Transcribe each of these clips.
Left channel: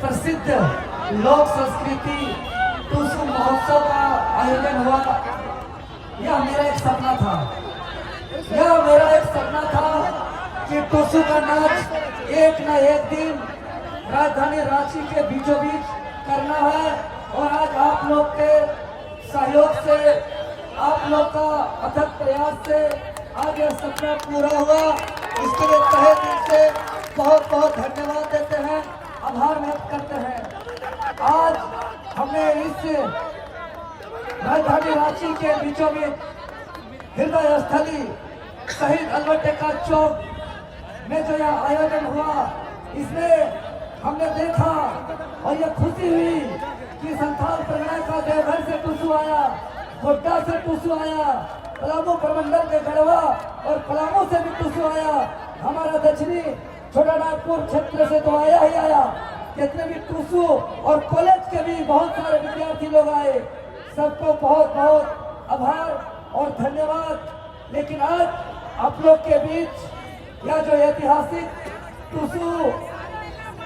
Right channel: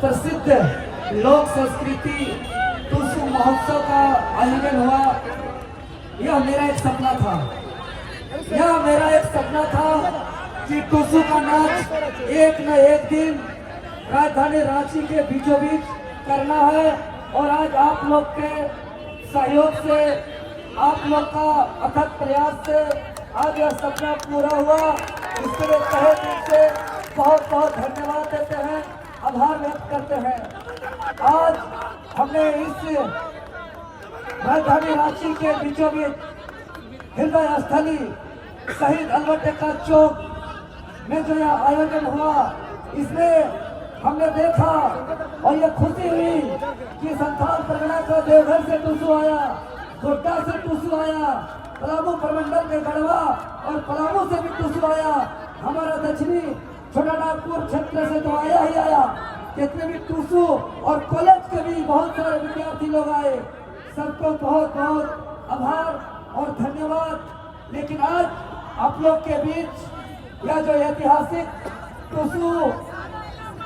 प्रसिद्ध लोक संस्कृति टूसू महोत्सव का आयोजन हुआ। यह मेरा एक सपना था, कि टूसू का नाच एक न एक दिन राजधानी रांची के बीचों बीच करना है। और आज आप लोग के सहयोग से, आप लोग का अथक प्रयास से आज यह सपना पूरा हुआ। इसके लिए तहे दिल से बहुत बहुत धन्यवाद देते हैं, आभार व्यक्त करते हैं। आज हमने इस राजधानी रांची के बीचों बीच हृदय स्थली शहीद अल्बर्ट चौक में जो यह आयोजन हुआ, इसमें हमने देखा और ये खुशी हुई कि संथाल परगना का देवघर से टूसू आया, गोड्डा से टूसू आया, पलामू प्रमंडल के गढ़वा और पलामू से भी टूसू आया। हमारा दक्षिणी छोटा नागपुर क्षेत्र से तो आया ही आया, कितने भी टूसू और कॉलेज के भी बहुत सारे विद्यार्थी लोग आए। सबको बहुत बहुत आभार और धन्यवाद। लेकिन आज आप लोग के बीच यह जो ऐतिहासिक टूसू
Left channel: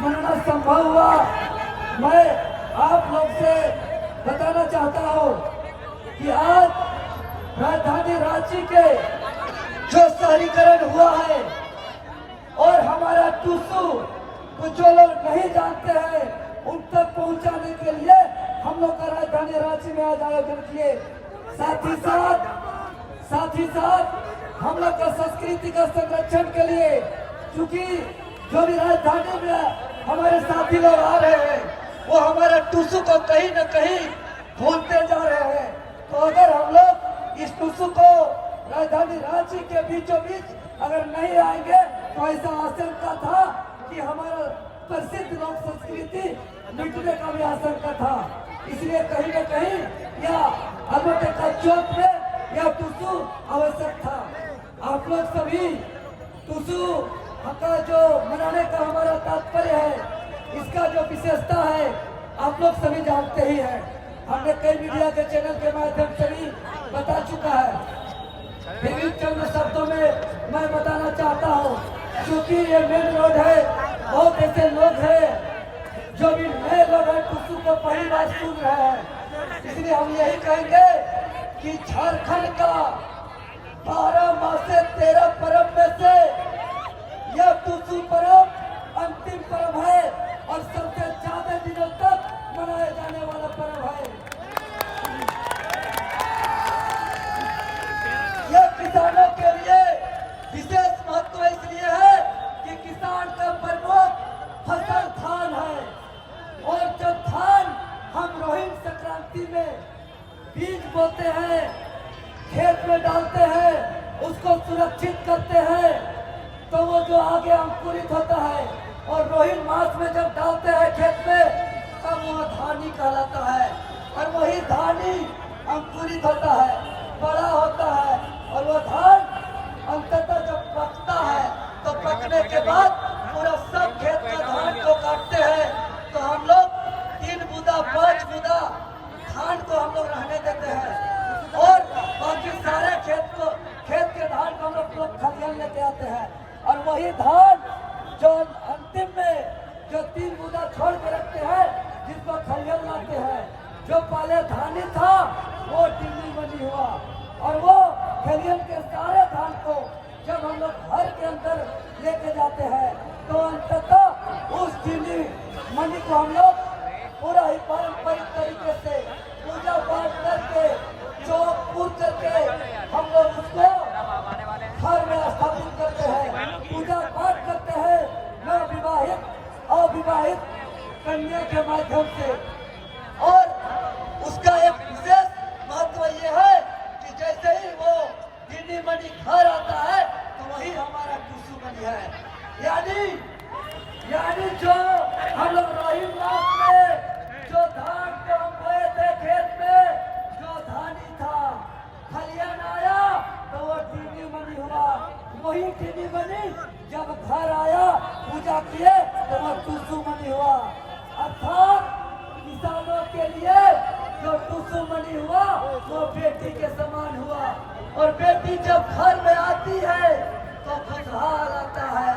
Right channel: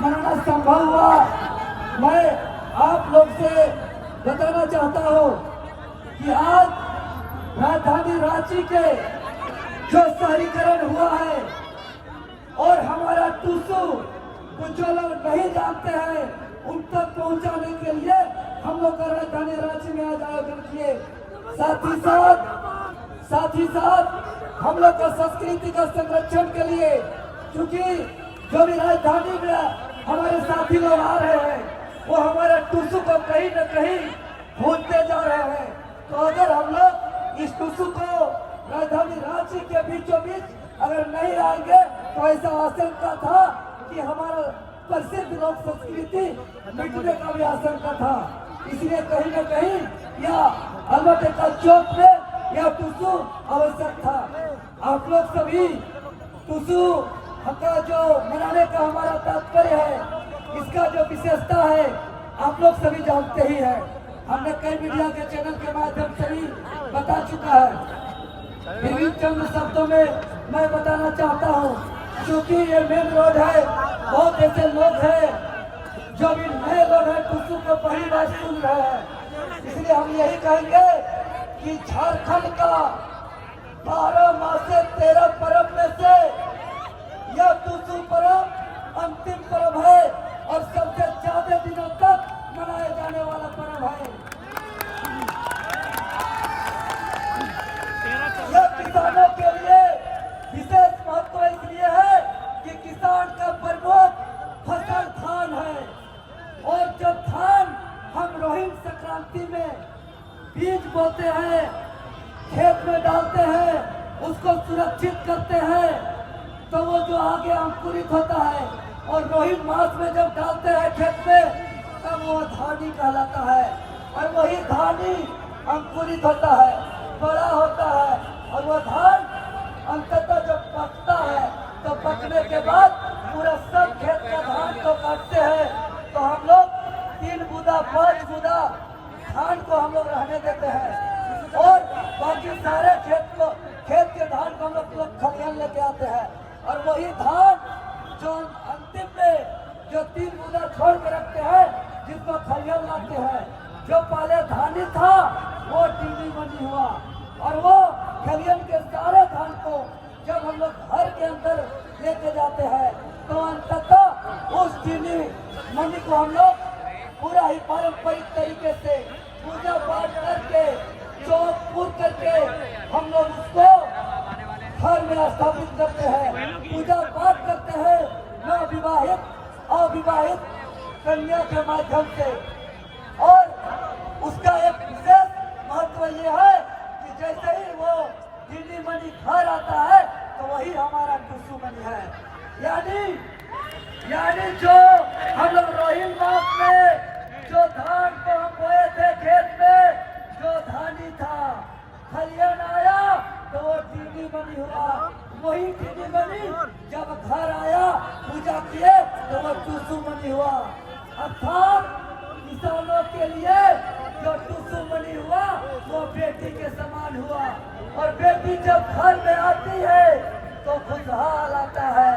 मनाना संभव हुआ, मैं आप लोग से बताना चाहता हूँ कि आज राजधानी रांची के जो शहरीकरण हुआ है और हमारा टूसू को जो लोग नहीं जानते हैं उन तक पहुंचाने के लिए हम लोग का राजधानी रांची में आज आयोजन किए। साथ ही साथ हम लोग का संस्कृति का संरक्षण के लिए, क्योंकि जो भी राजधानी में हमारे साथी लोग आ रहे हैं वो हमारे टूसू को कहीं न कहीं भूलते जा रहे हैं। तो अगर हम लोग इस टूसू को राजधानी रांची के बीचों बीच अगर नहीं आएंगे तो ऐसा आशंका था कि हमारा प्रसिद्ध लोक संस्कृति मिटने का भी आशंका था। इसलिए कहीं न कहीं यह अल्बर्ट चौक में यह टूसू आवश्यक था। आप लोग सभी टूसू का जो मनाने का हमारा तात्पर्य है, इसका जो विशेषता है आप लोग सभी जानते ही हैं। हमने कई मीडिया के चैनल के माध्यम से भी बता चुका है। फिर भी चंद शब्दों में मैं बताना चाहता हूँ, क्योंकि ये मेन रोड है, बहुत ऐसे लोग हैं जो भी नए लोग हैं टूसू को पहली बार सुन रहे हैं। इसलिए हम यही कहेंगे कि झारखंड का 12 माह से 13 पर्व में से यह टूसू पर्व अंतिम पर्व है और सबसे ज्यादा दिनों तक मनाए जाने वाला पर्व है। यह किसानों के लिए विशेष महत्व इसलिए है कि किसान का प्रमुख फसल धान है। और जब धान हम रोहिणी संक्रांति में बीज बोते हैं, खेत में डालते हैं, उसको सुरक्षित करते हैं, तो वो जो आगे अंकुरित होता है और रोहिणी मास में जब डालते हैं खेत में, तब वो धानी कहलाता है। और वही धानी अंकुरित होता है, बड़ा होता है, और वो धान अंततः जब पकता है तो पकने के बाद पूरा सब खेत का धान को काटते हैं। तो हम लोग 3 बूंदा 5 बूंदा धान को हम लोग रहने देते हैं और बाकी सारे खेत के धान को हम लोग खलिहान लेके आते हैं। और वही धान जो अंतिम में जो 3 बूंदा छोड़ के रखते हैं, जिसको खलिहान लाते हैं, जो पहले धानी था वो टिंडी बनी हुआ। और वो खलिहान के सारे धान को जब हम लोग घर के अंदर लेके जाते हैं तो अंततः उस टिंडी मनी को हम लोग पूरा ही पारंपरिक तरीके से पूजा पाठ करके, चौक पूर करके हम लोग उसको घर में स्थापित करते हैं, पूजा पाठ करते हैं नवविवाहित अविवाहित कन्या के माध्यम से। और उसका एक विशेष महत्व ये है कि जैसे ही वो टिंडी मनी घर आता है तो वही हमारा टूसू मनी है। यानी जो हम लोग रोहिणी मास में जो धान को हम बोए थे खेत में, जो धानी था, खलिहान आया तो वो टिंडी मनी हुआ। वही टिंडी मनी जब घर आया, पूजा किए तो वो टूसू मनी हुआ। अर्थात किसानों के लिए जो टूसू मनी हुआ वो बेटी के समान हुआ। और बेटी जब घर में आती है तो खुशहाल आता है,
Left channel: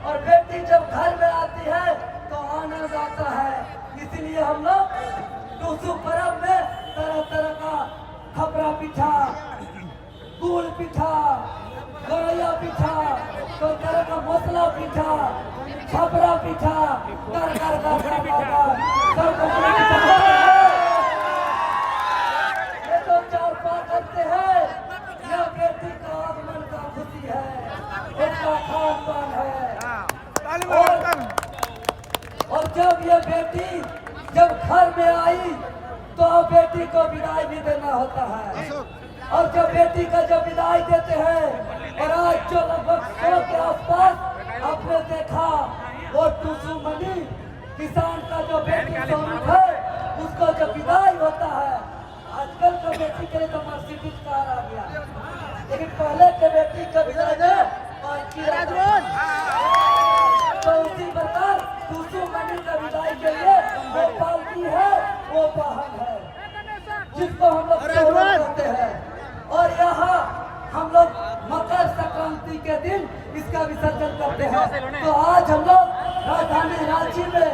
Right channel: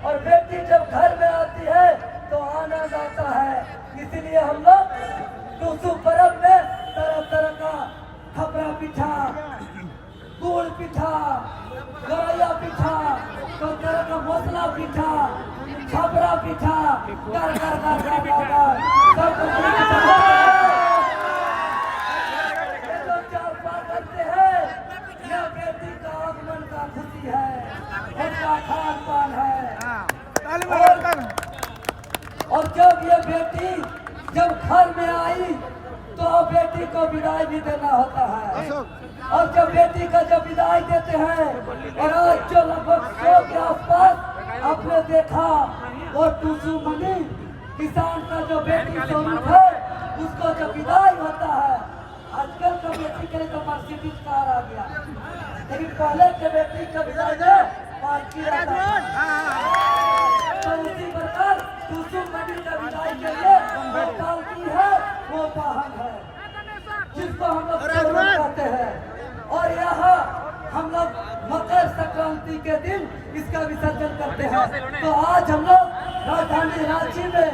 और बेटी जब घर में आती है तो आनंद आता है। इसलिए हम लोग टूसू पर्व में तरह तरह का खपरा पिठा, गुड़ पिठा, गरैया पिठा, कोई तरह का मसला पिठा, छपरा पिठा, कर कर कर कर कर सब ये जो चार पार करते हैं, यह बेटी का आगमन का खुशी है, उसका खान पान है। और जब ये बेटी जब घर में आई तो बेटी को विदाई भी देना होता है। और जब बेटी का जब विदाई देते हैं, और आज जो लगभग 100 के आसपास आपने देखा वो टूसू मनी किसान का जो बेटी स्वरूप है, उसको जब विदाई होता है, आजकल तो बेटी के लिए तो मर्सिडीज कार आ गया, लेकिन पहले के बेटी का विदाई में पालकी रहता है। तो उसी प्रकार टूसू मनी का विदाई के लिए वो पालकी है, वो वाहन है, जिसको हम लोग कहते हैं। और यहाँ हम लोग मकर संक्रांति के दिन इसका विसर्जन करते हैं। तो आज हम लोग राजधानी रांची में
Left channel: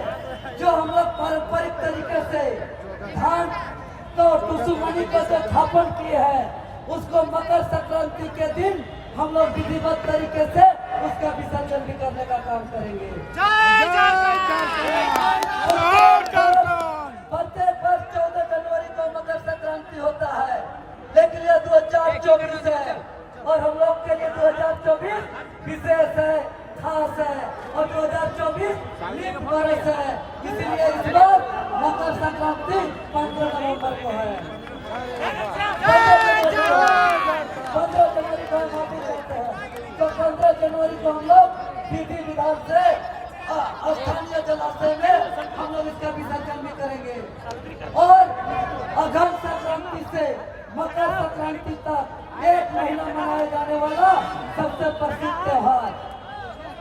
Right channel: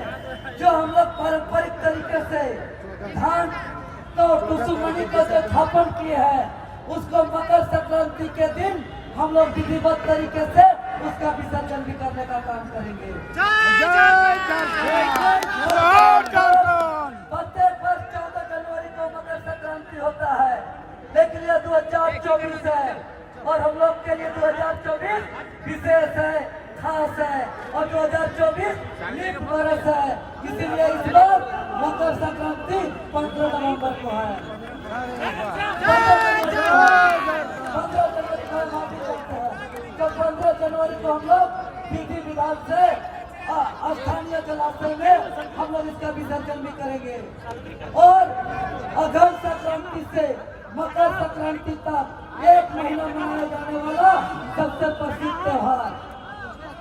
जो हम लोग पारंपरिक तरीके से धान तो टूसू मनी को जो स्थापन किए हैं, उसको मकर संक्रांति के दिन हम लोग विधिवत तरीके से उसका विसर्जन भी करने का काम करेंगे। प्रत्येक वर्ष 14 जनवरी को मकर संक्रांति होता है, लेकिन ये 2024 है और हम लोग के लिए 2024 विशेष है, खास है, और 2024 लीप वर्ष है। इसीलिए इस बार मकर संक्रांति 15 नवंबर को है। 15 जनवरी को हम लोग विधि विधान से स्थानीय जलाशय में हम लोग इसका विसर्जन भी करेंगे। और अगम संक्रांति से मकर संक्रांति तक 1 महीना मनाया जाने वाला सबसे प्रसिद्ध त्योहार,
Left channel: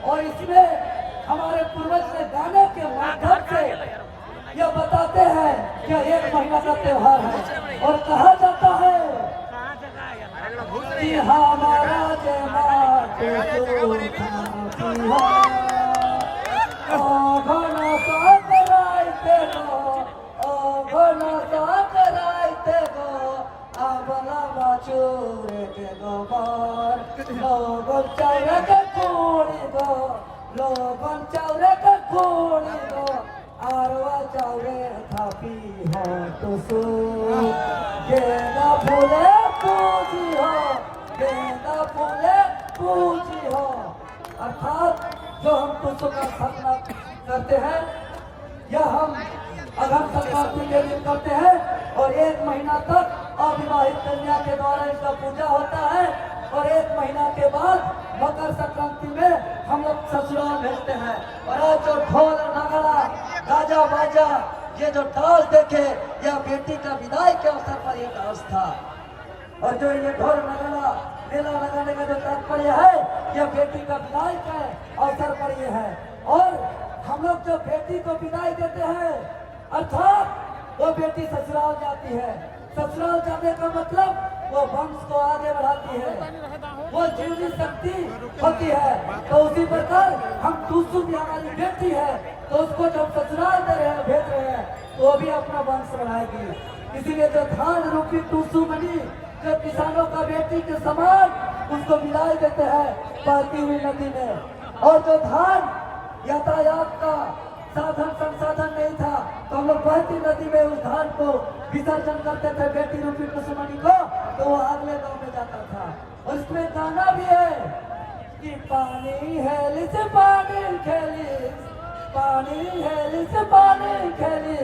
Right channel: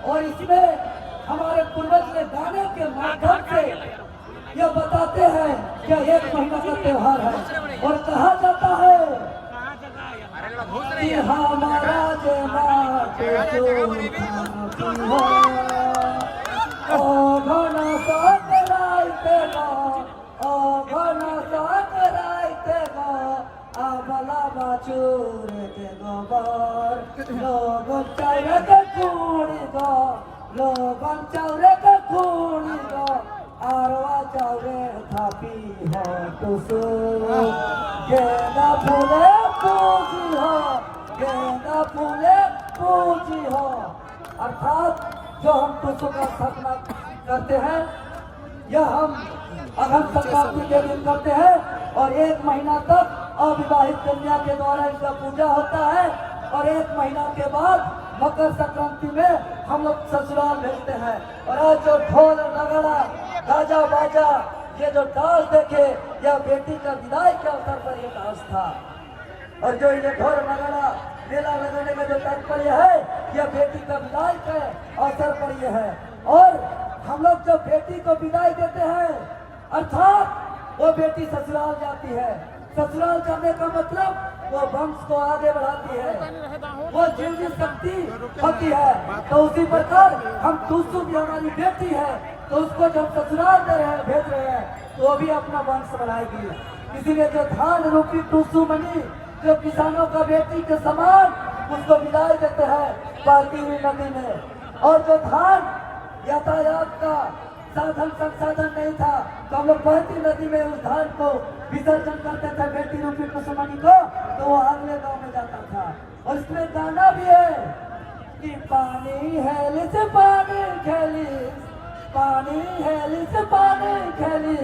और इसमें हमारे पूर्वज ने गाने के माध्यम से यह बताते हैं कि 1 महीना का त्योहार है। और कहा जाता है कि हमारा चूरे के गोबर लोगन चौरे के खूनी दो, लोगन चौरे के खूनी दो, आरवा चौरे थापी हो टूसू, गेंदा फूले पूजी हो, गेंदा फूले पूजी हो। अर्थात जो हम टूसू का स्थापना करते हैं, यह हम अगम संक्रांति के दिन करते हैं, और 1 महीना तक अविवाहित कन्या के द्वारा इसका पूजा होता है। और 1 महीना के बाद मकर संक्रांति में हम लोग ससुराल भेजते हैं। और जो ढोल नगड़ा गाजा बाजा ये जो डांस देखे, यह बेटी का विदाई के अवसर पर ये डांस था। और जो ये ढोल नगड़ा मेला लगाने का जो तात्पर्य है, यह बेटी का विदाई के अवसर पर ये है। और हम लोग जो बेटी को विदाई देते हैं, अर्थात वो बेटी ससुराल जाती है। ससुराल जाने का मतलब वो वंश को आगे बढ़ाती है, वो जीवनी शक्ति होती है। तो उसी प्रकार हम टूसू भी हमारी बेटी है, तो उसको जब ससुराल दे रहे हैं, भेज रहे हैं, तो वो भी अपना वंश बढ़ाएगी। इसीलिए जो धान रूपी टूसू मनी जो किसानों का बेटी के समान उसको मिलाए देते हैं बहती हुई नदी में। और जो धान यातायात का साधन संसाधन नहीं था, तो हम लोग बहती नदी में उस धान को विसर्जन करते थे बेटी रूपी टूसू मनी को, तो वो अगले गांव में जाता था। और इसमें गाना भी है कि पानी है से पानी खेली, पानी है से पानी खेली,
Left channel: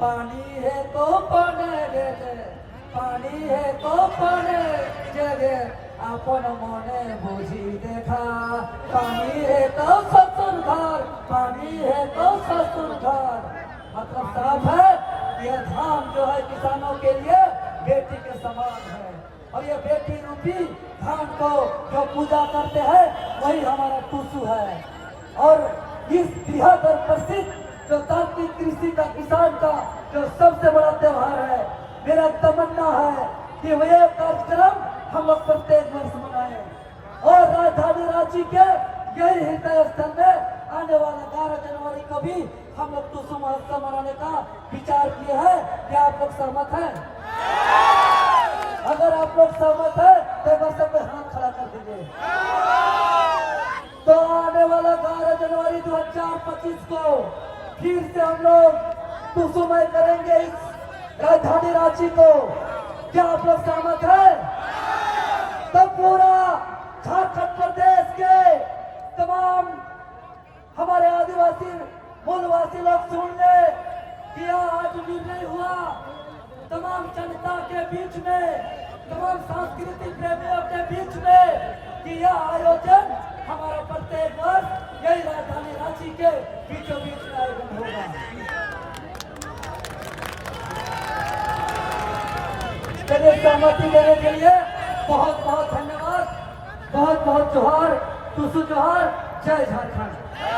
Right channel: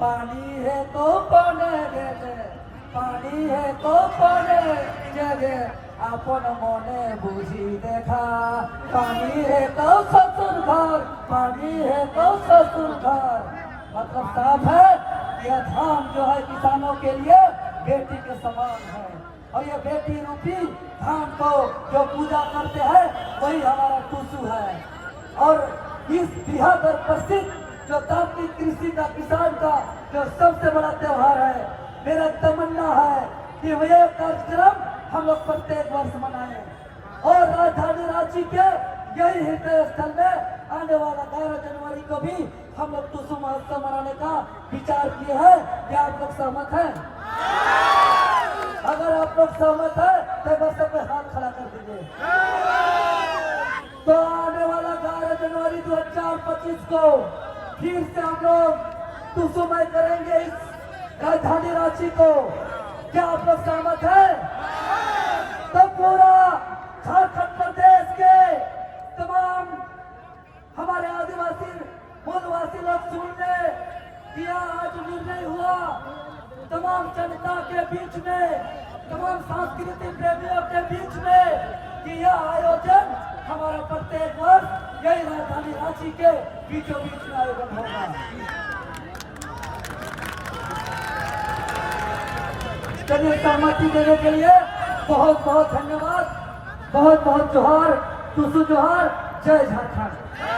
पानी है तो पाने देते, पानी है तो पाने जगे, अपन मने बुझी देखा, पानी है तो ससुर घर, पानी है तो ससुर घर। मतलब साफ है, यह धान जो है किसानों के लिए बेटी के समान है। और ये बेटी रूपी धान को जो पूजा करते हैं, वही हमारा टूसू है। और इस बिहार पर प्रसिद्ध जो तांत्रिक कृषि का किसान का जो सबसे बड़ा त्योहार है, मेरा तमन्ना है कि वह कार्यक्रम हम लोग प्रत्येक वर्ष मनाएं। और राजधानी रांची के यही हृदय स्थल में आने वाला 12 जनवरी को भी हम लोग टुसु महोत्सव मनाने का विचार किए हैं। क्या आप लोग सहमत हैं? अगर आप लोग सहमत हैं तो बस अपने हाथ खड़ा कर दीजिए। तो आने वाला 11 जनवरी 2025 को फिर से हम लोग टुसुमय करेंगे इस राजधानी रांची को। क्या आप लोग सहमत हैं? तो पूरा झारखंड प्रदेश के तमाम हमारे आदिवासी मूलवासी लोग सुन ले कि आज निर्णय हुआ तमाम जनता के बीच में, तमाम सांस्कृतिक प्रेमियों के बीच में कि यह आयोजन हमारा प्रत्येक वर्ष यही राजधानी रांची के बीचों बीच में आयोजन होगा। चलिए, सहमति देने के लिए बहुत बहुत धन्यवाद। बहुत बहुत जोहार, टुसु जोहार। जय झारखंड।